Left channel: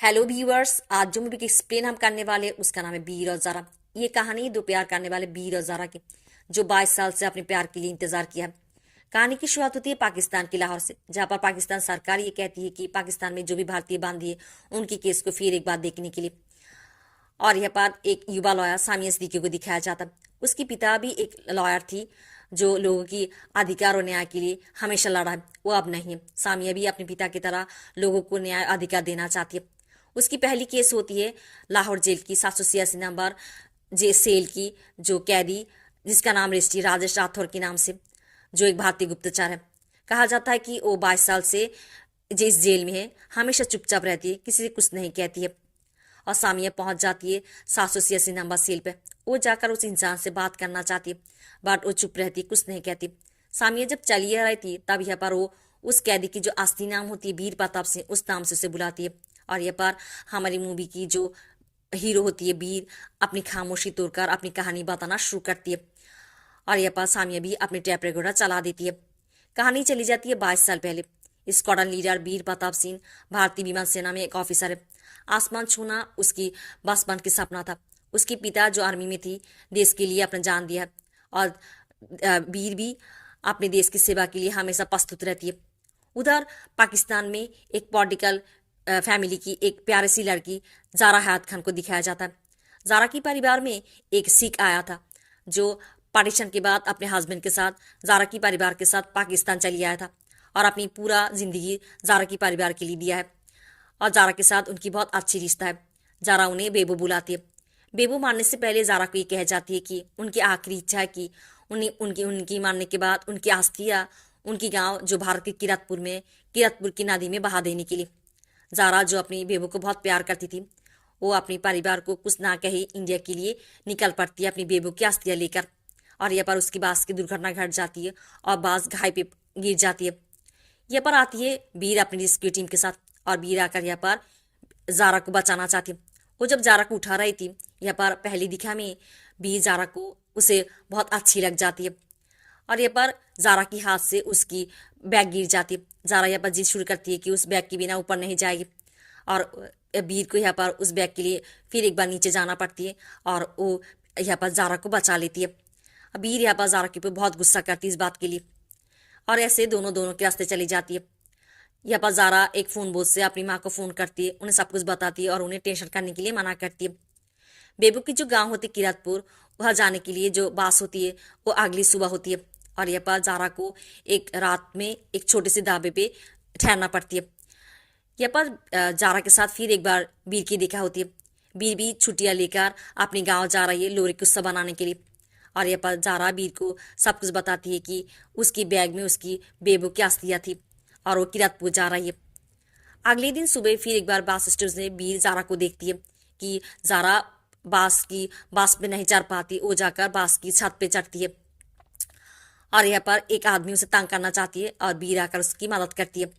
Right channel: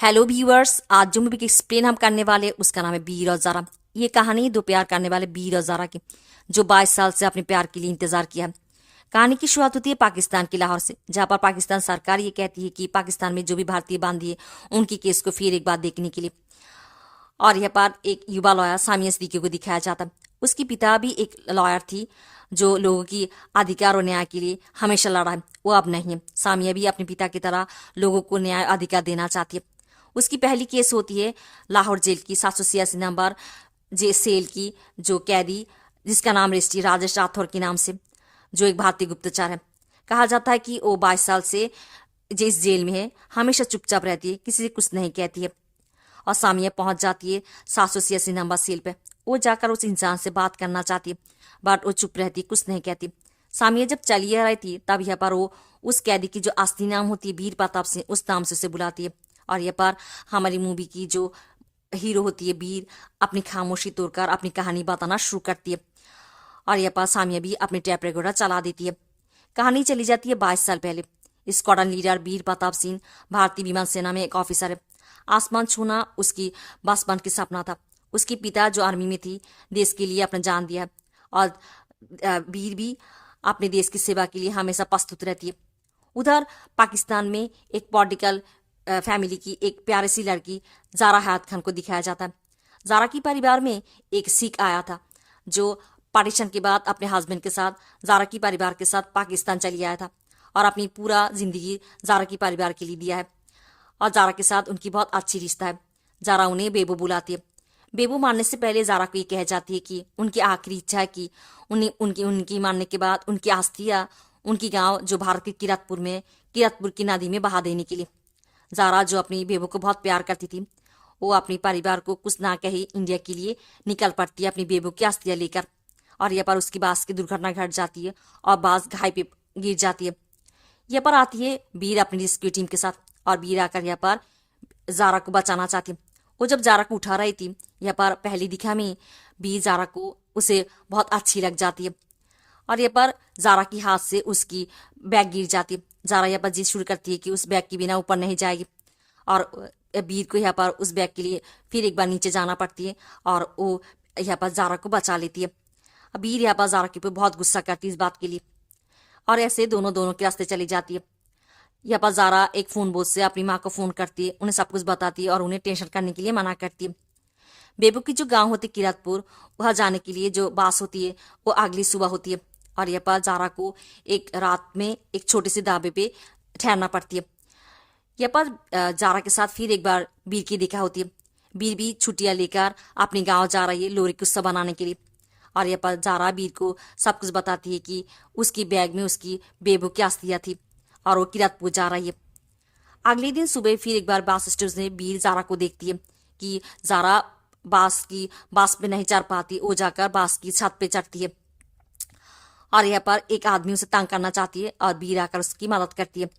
Hello viewers, आज जो movie की एक्सप्लेन हम करने वाले उसका नाम है बीर और ज़ारा। ये कहानी दो प्यार करने वाले बीर और ज़ारा की, जो 22 साल से अपने प्यार के लिए इंतजार किया है। कहानी की शुरुआत होती है पाकिस्तान के लाहौर से, जहाँ पर पाकिस्तान सरकार ये कहती है कि पाकिस्तान में जो भी भारतीय बांदी है उनकी केस को फिर एक बार देखने के लिए। और यहाँ पर एक युवा लॉयर सामिया सिद्दीकी को दिखाया जाता। उसकी पिता भी एक लॉयर थी जो लोगों की अधिकार और न्याय के लिए हमेशा लड़ा है। वो अब नहीं है। सामिया भी अपने पिता की तरह लोगों को न्याय अधिकार देना चाहती है। उसकी पहली केस होती है लाहौर जेल की 786 नंबर सेल की, जो कैदी जिसका नाम रजिस्ट्री राजेश राठौर के नाम से, जो एक भारतीय गुप्तचर है। कहा जाता है कि वो 22 साल से जिस जेल में है हमेशा चुपचाप रहती है, किसी से कुछ नहीं कहती है। और सामिया पहुंच जाती है 786 नंबर सेल पे। वो जाकर उस इंसान से बात करना चाहती है, बट वो चुप रहती है, कुछ नहीं कहती। सामिया जब चली आ रही थी तब यहाँ पर वो उस कैदी की जो असली नाम होती है वीर प्रताप सिंह, उस नाम से उसे बुलाती है। और यहाँ पर हमारी मूवी की जो हीरो होती है वीर, अपनी खामोशी तोड़कर अपनी कहानी बताना शुरू करती है। और यहाँ पर सामिया भी अपनी टेप रिकॉर्डर चला देती है। कहानी चली जाती है 22 साल पहले। स्क्वाड्रन लीडर वीर प्रताप सिंह भारतीय विमान सेना में एक ऑफिसर है। आसमान छूना उसकी बचपन की सपना था। उसके पिता जो आर्मी में थी, देश के लिए अपना जान दिया है। और वीर भी अपने देश की सेवा के लिए हमेशा प्रस्तुत रहती है। उधर पाकिस्तान में एक पॉलिटिकल फैमिली की एक प्यारी सी लड़की ज़ारा हयात खान को दिखाया जाता है। ज़ारा की परिवार में एक सिख आया था जो पार्टीशन के बाद अपने हस्बैंड के साथ ज़ारा की परिवार के साथ पाकिस्तान चली आया था और अपनी पूरा जिंदगी ज़ारा की परिवार के लिए दिया है। और ज़ारा के साथ उनकी बहुत अच्छी रिश्ता है। ज़ारा उन्हें बेबू बुलाती है। बेबू मानने से पहले ज़ारा को ये कह जाती है कि उनकी आखिरी इच्छा है कि उन्हें उनकी मानने के बाद उनकी अस्थियाँ उनकी गांव जो भारत के किरतपुर की नदी में बहा देने के लिए। ज़ारा जो अपनी बेबू को बहुत प्यार करती थी, वो अपने परिवार को कुछ ना कही इंडिया के लिए निकल पड़ती है अपनी बेबू की अस्थियाँ लेकर। और यहाँ पर उसकी बास की दुर्घटना घट जाती है और बास घाई पे गिर जाती है। यहाँ पर आती है वीर अपनी रेस्क्यू टीम के साथ, और वीर आकर यहाँ पर ज़ारा को बचाना चाहती है। वो जब ज़ारा को उठा रही थी, यहाँ पर पहली दिखा में वीर ज़ारा को उसे बहुत अच्छी लग जाती है। और यहाँ पर ज़ारा की हाथ से उसकी बैग गिर जाती है। ज़ारा यहाँ पर जिद शुरू करती है कि उस बैग के बिना ऊपर नहीं जाएगी। और वीर को यहाँ पर उस बैग के लिए फिर एक बार नीचे जाना पड़ती है और वो यहाँ पर ज़ारा को बचा लेती है। वीर यहाँ पर ज़ारा के ऊपर बहुत गुस्सा करती है इस बात के लिए। और ऐसे दोनों के रास्ते चली जाती है। यहाँ पर ज़ारा एक फ़ोन बोझ से अपनी माँ को फ़ोन करती है, उन्हें सब कुछ बताती है और उन्हें टेंशन करने के लिए मना करती है। बेबू की जो गांव होती है किरतपुर, वहाँ जाने के लिए जो बास होती है वो अगली सुबह होती है। और यहाँ पर ज़ारा को एक रात में एक छोटे से ढाबे पे ठहरना पड़ती है। यहाँ पर ज़ारा के साथ फिर एक बार वीर की देखा होती है। वीर भी छुट्टियाँ लेकर अपने गाँव जा रही है लोरी का उत्सव बनाने के लिए। और यहाँ पर ज़ारा वीर को सब कुछ बताती है कि उसकी बैग में उसकी बेबू की अस्थियाँ थी और वो किरतपुर जा रही है। अगले दिन सुबह फिर एक बार बास स्टॉप में वीर ज़ारा को देखती है कि ज़ारा बास पे नहीं चढ़ पाती। वो जाकर बास की छत पे चढ़ती है और यहाँ पर एक आदमी उसे तंग करना चाहती है और वीर आकर उसकी मदद करती है।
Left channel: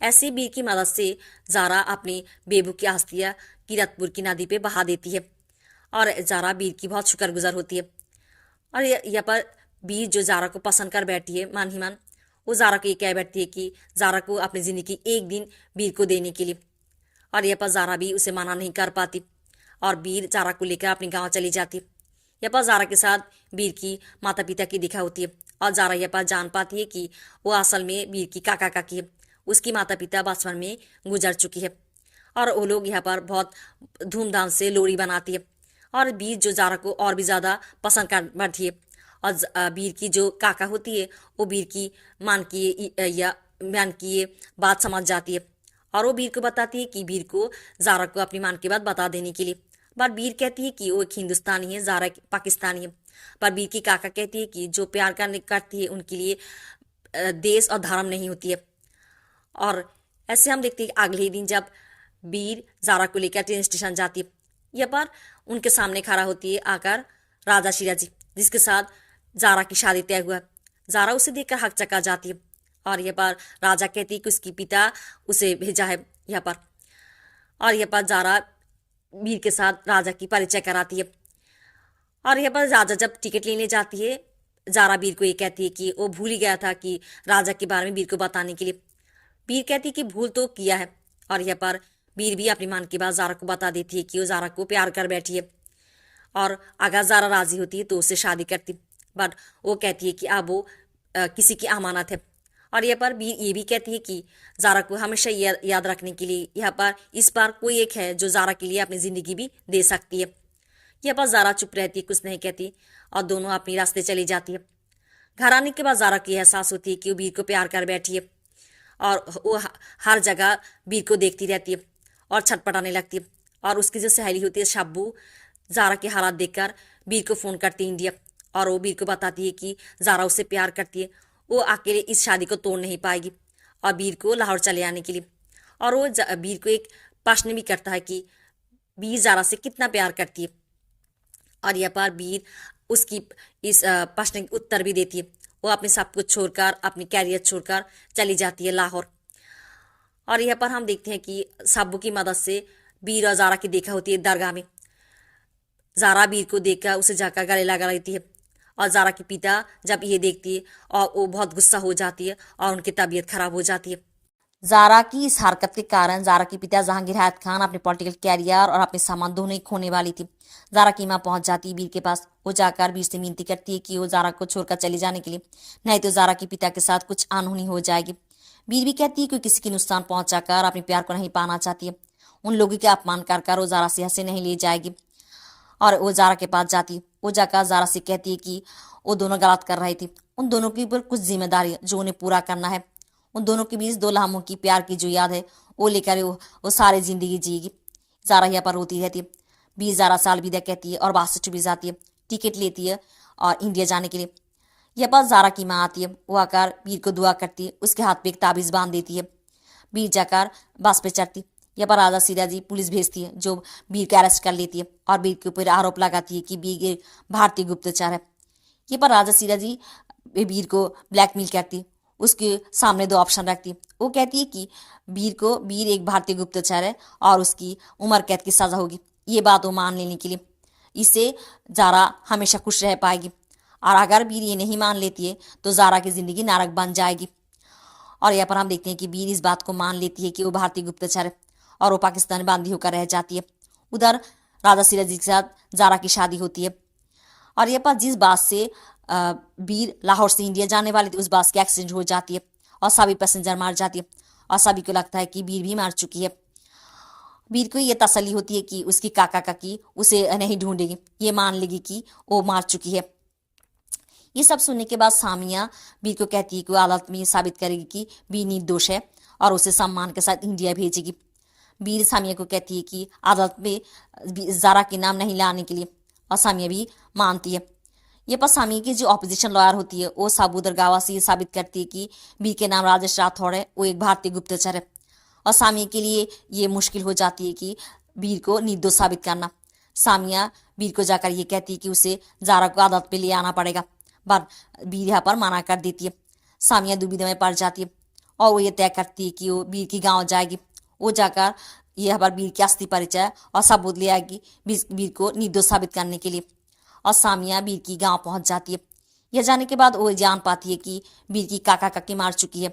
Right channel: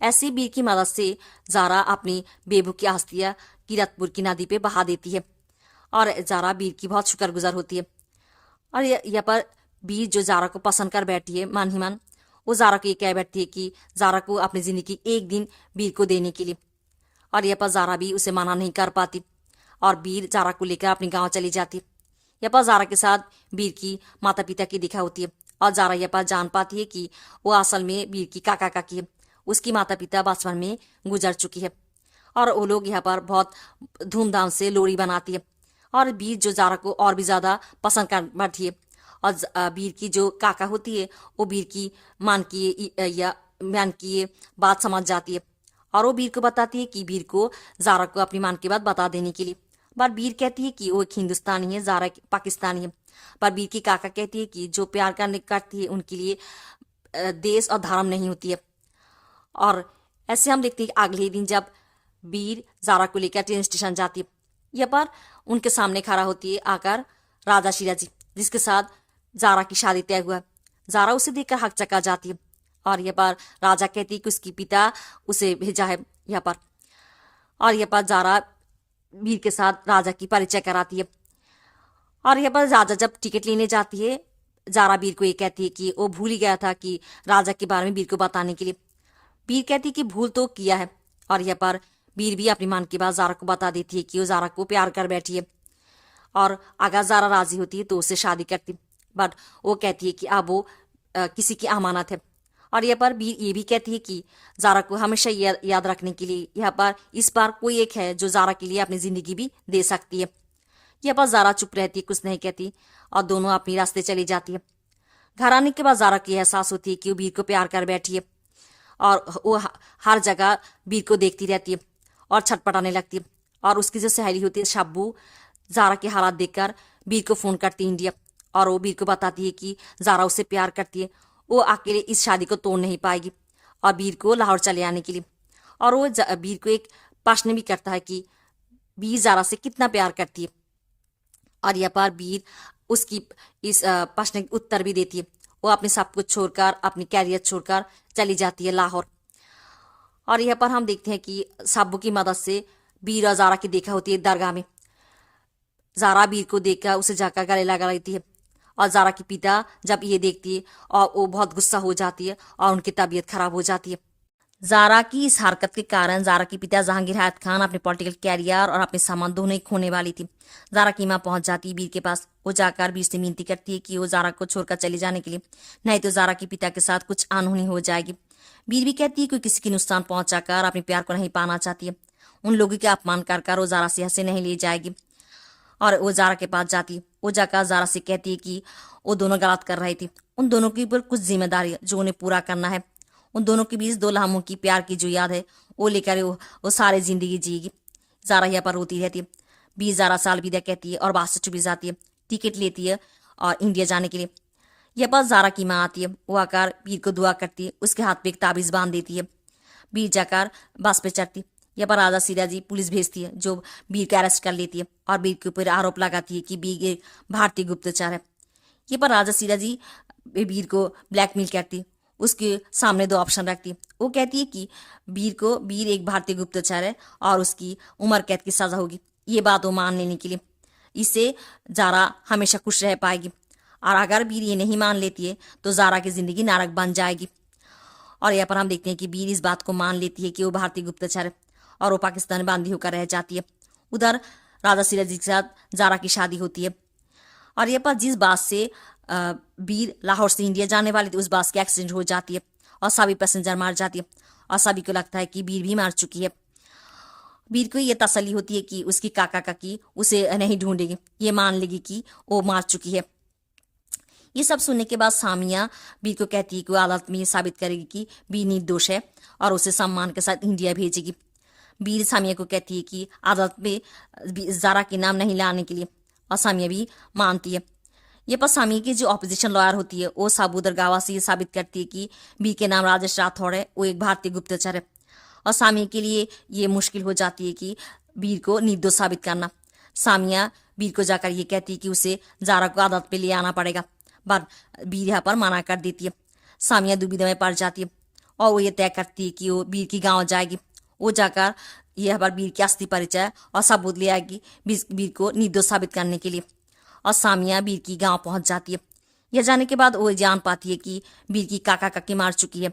ऐसी वीर की मदद से ज़ारा अपनी बेबू की अस्थियाँ किरतपुर की नदी पे बहा देती है और ज़ारा वीर की बहुत शुक्रगुजार होती है। और यहाँ पर वीर जो ज़ारा को पसंद कर बैठी है मन ही मन, वो ज़ारा को ये कह बैठती है कि ज़ारा को अपनी ज़िंदगी एक दिन वीर को देने के लिए। और यहाँ पर ज़ारा भी उसे मना नहीं कर पाती और वीर ज़ारा को लेकर अपने गांव चली जाती। यहाँ पर ज़ारा के साथ वीर की माता पिता की दिखा होती है और ज़ारा यहाँ पर जान पाती है कि वो असल में वीर की काका काकी है। उसकी माता पिता बचपन में गुजर चुकी है और वो लोग यहाँ पर बहुत धूमधाम से लोहड़ी बनाती है। और वीर जो ज़ारा को और भी ज़्यादा पसंद कर बैठी है। और वीर की जो काका होती है वो वीर की मान की ये बात समझ जाती है और वो वीर को बताती है कि वीर को ज़ारा को अपनी मान की बात बता देने के लिए। पर वीर कहती है कि वो एक हिंदुस्तानी है, ज़ारा पाकिस्तानी है। पर वीर की काका कहती है कि जो प्यार करती है उनके लिए देश और धर्म नहीं होती है। और ऐसे हम देखते हैं कि अगले ही दिन जब वीर ज़ारा को लेकर ट्रेन स्टेशन जाती है, यहाँ पर उनके सामने खड़ा होती है आकर राजा शिराजी, जिसके साथ ज़ारा की शादी तय हुआ। ज़ारा उसे देखकर हकचका जाती है और यहाँ पर राजा कहती है कि उसकी पिता उसे भेजा है यहाँ पर। और यहाँ पर ज़ारा वीर के साथ राजा की परिचय कराती है। और यहाँ पर राजा जब टिकट लेने जाती है, ज़ारा वीर को ये कहती है कि वो भूल ही गया था कि राजा के बारे में वीर को बताने के लिए। वीर कहती है कि भूल तो किया है। और यहाँ पर बीर भी अपनी मन की बात जारा को बता देती है कि वो जारा को प्यार कर बैठी है, और अगर जारा राजी होती है तो उससे शादी करती। बट वो कहती है कि अब वो किसी की अमानत है। और यहाँ पर बीर ये भी कहती है कि जारा को हमेशा याद रखने के लिए यहाँ पर इस बार कोई एक है जो जारा के लिए अपनी जिंदगी भी दे सकती है। यहाँ पर जारा चुप रहती है, कुछ नहीं कहती, और दोनों अपने रास्ते चली जाती है। घर आने के बाद जारा को एहसास होती है कि वो बीर को प्यार कर बैठी है, और वो हर जगह बीर को देखती रहती है और छटपटाने लगती है। और उसकी जो सहेली होती है शब्बू, जारा के हालात देखकर बीर को फ़ोन करती है इंडिया, और वो बीर को बताती है कि जारा उससे प्यार करती है, वो अकेले इस शादी को तोड़ नहीं पाएगी, और बीर को लाहौर चले आने के लिए। और वो बीर को एक प्रश्न भी करता है कि बीर जारा से कितना प्यार करती है, और यहाँ पर बीर उसकी इस प्रश्न के उत्तर भी देती है। वो अपने सब कुछ छोड़कर, अपनी कैरियर छोड़कर चली जाती है लाहौर। और यहाँ पर हम देखते हैं कि साबू की मदद से बीर और जारा की देखा होती है दरगाह में। जारा बीर को देखकर उसे जाकर गले लगा लेती है, और जारा की पिता जब ये देखती है और वो बहुत गुस्सा हो जाती है और उनकी तबीयत खराब हो जाती है। जारा की इस हरकत के कारण जारा के पिता जहांगीर हैत खान अपने पॉलिटिकल कैरियर और अपने सामान दोनों ही खोने वाली थी। जारा की माँ पहुंच जाती है बीर के पास। वो जाकर बीर से मिनती करती है कि वो जारा को छोड़कर चले जाने के लिए, नहीं तो जारा के पिता के साथ कुछ अनहोनी हो जाएगी। बीर भी कहती है कि किसी की नुकसान पहुंचाकर अपने प्यार को नहीं पाना चाहती है। उन लोगों के अपमान कर वो जारा से हंसे नहीं ले जाएगी, और वो जारा के पास जाती। वो जाकर जारा से कहती है कि वो दोनों गलत कर रही थी, उन दोनों के ऊपर कुछ जिम्मेदारी है जो उन्हें पूरा करना है। उन दोनों के बीच 2 लम्हों की प्यार की जो याद है वो लेकर वो सारी जिंदगी जिएगी। जारा यहाँ पर रोती रहती है। 20,000 साल विदा कहती है और बात से चुप जाती है। टिकट लेती है और इंडिया जाने के लिए। यह पर जारा की माँ आती है। वो आकर बीर को दुआ करती है, उसके हाथ पे एक ताबीज बांध देती है। बीर जाकर बस पे चढ़ती। यह पर राजा सिराजी पुलिस भेजती है, जो बीर को अरेस्ट कर लेती है और बीर के ऊपर आरोप लगाती है कि बीर एक भारतीय गुप्तचर है। ये पर राजा सिराजी बीर को ब्लैकमेल करती है। उसके सामने 2 ऑप्शन रखती है। वो कहती है कि बीर एक भारतीय गुप्तचर है और उसकी उम्र कैद की सजा होगी। ये बात वो मान लेने के लिए इससे जारा हमेशा खुश रह पाएगी, और अगर बीर ये नहीं मान लेती है तो जारा की जिंदगी नरक बन जाएगी। और यहाँ पर हम देखते हैं कि बीर इस बात को मान लेती है कि वो भारतीय गुप्तचर है, और वो पाकिस्तान में बंदी होकर रह जाती है। उधर राजा सिराजी के साथ जारा की शादी होती है। और यहाँ पर जिस बात से बीर लाहौर से इंडिया जाने वाले थे, उस बस की एक्सीडेंट हो जाती है और सभी पैसेंजर मार जाती है, और सभी को लगता है कि बीर भी मार चुकी है। बीर को ये तसल्ली होती है कि उसकी काका काकी उसे नहीं ढूंढेगी, ये मान लेगी कि वो मार चुकी है। ये सब सुनने के बाद सामिया बीर को कहती है कि वो अदालत में साबित करेगी कि बीर निर्दोष है और उसे सम्मान के साथ इंडिया भेजेगी। बीर सामिया को कहती है कि अदालत में जारा के नाम नहीं लाने के लिए, और सामिया भी मानती है। ये पर सामिया की जो ऑपोजिशन लॉयर होती है वो साबू दरगावा से ये साबित करती है कि बीर के नाम राजेश राठौड़ है, वो एक भारतीय गुप्तचर है। और सामिया के लिए ये मुश्किल हो जाती है कि बीर को निर्दोष साबित करना। सामिया बीर को जाकर ये कहती है कि उसे जारा को अदालत पे ले आना पड़ेगा, पर बीर यहाँ पर मना कर देती है। सामिया दुविधा में पड़ जाती है और वो ये तय करती है कि वो बीर की गाँव जाएगी। वो जाकर यहाँ पर बीर की अस्थि परिचय और सबूत ले आएगी बीर को निर्दोष साबित करने के लिए। और सामिया बीर की गांव पहुंच जाती है। यह जाने के बाद वो जान पाती है कि बीर की काका काकी मार चुकी है।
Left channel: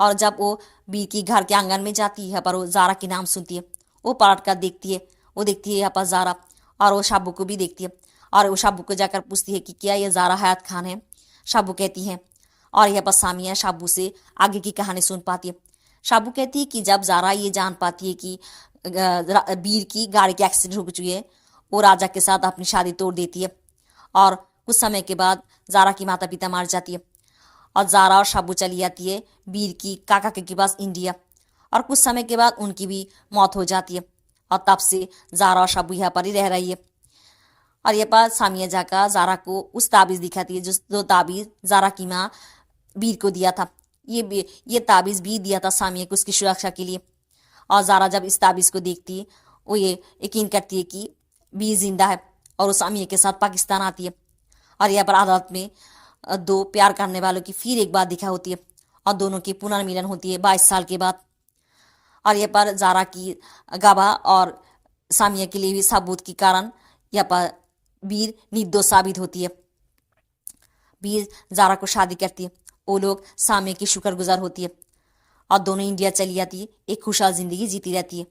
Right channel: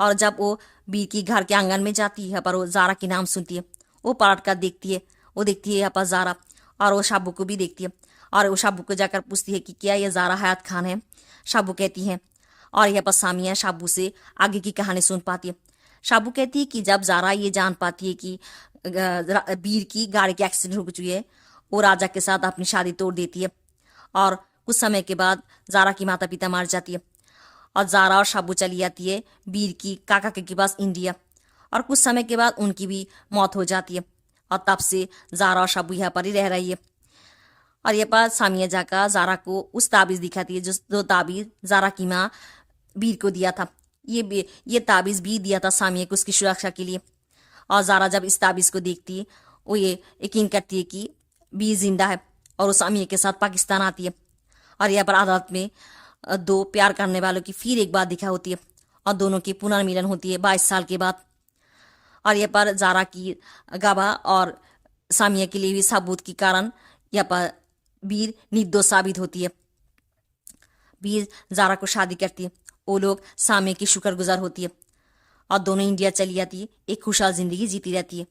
और जब वो बीर की घर के आंगन में जाती है पर वो जारा के नाम सुनती है। वो पलट कर देखती है, वो देखती है यहाँ पर जारा, और वो शाबू को भी देखती है, और वो शाबू को जाकर पूछती है कि क्या ये जारा हयात खान है। शाबू कहती है, और यहाँ पर सामिया शाबू से आगे की कहानी सुन पाती है। शाबू कहती है कि जब जारा ये जान पाती है कि बीर की गाड़ी की एक्सीडेंट हो चुकी है, वो राजा के साथ अपनी शादी तोड़ देती है, और कुछ समय के बाद जारा की माता पिता मार जाती है, और जारा और शाबू चली जाती है बीर की काका के पास इंडिया, और कुछ समय के बाद उनकी भी मौत हो जाती है, और तब से जारा और शाबू यहाँ पर ही रह रही है। और ये पर सामिया जाकर जारा को उस ताबीज़ दिखाती है जो ताबीज़ जारा की माँ बीर को दिया था। ये ताबीज़ बीर दिया था सामिया को उसकी सुरक्षा के लिए। और जारा जब इस ताबीज़ को देखती है वो ये यकीन करती है कि बीर जिंदा है, और वो सामिया के साथ पाकिस्तान आती है। और यहाँ पर अदालत में 2 प्यार करने वालों की फिर एक बात दिखा होती है, और दोनों की पुनर्मिलन होती है 22 साल के बाद। और यहाँ पर जारा की गवाह और सामिया के लिए भी सबूत के कारण यहाँ पर बीर निर्दोष साबित होती है। बीर जारा को शादी करती है। वो लोग सामिया की शुक्रगुजार होती है, और दोनों इंडिया चली जाती है। एक खुशहाल जिंदगी जीती रहती है।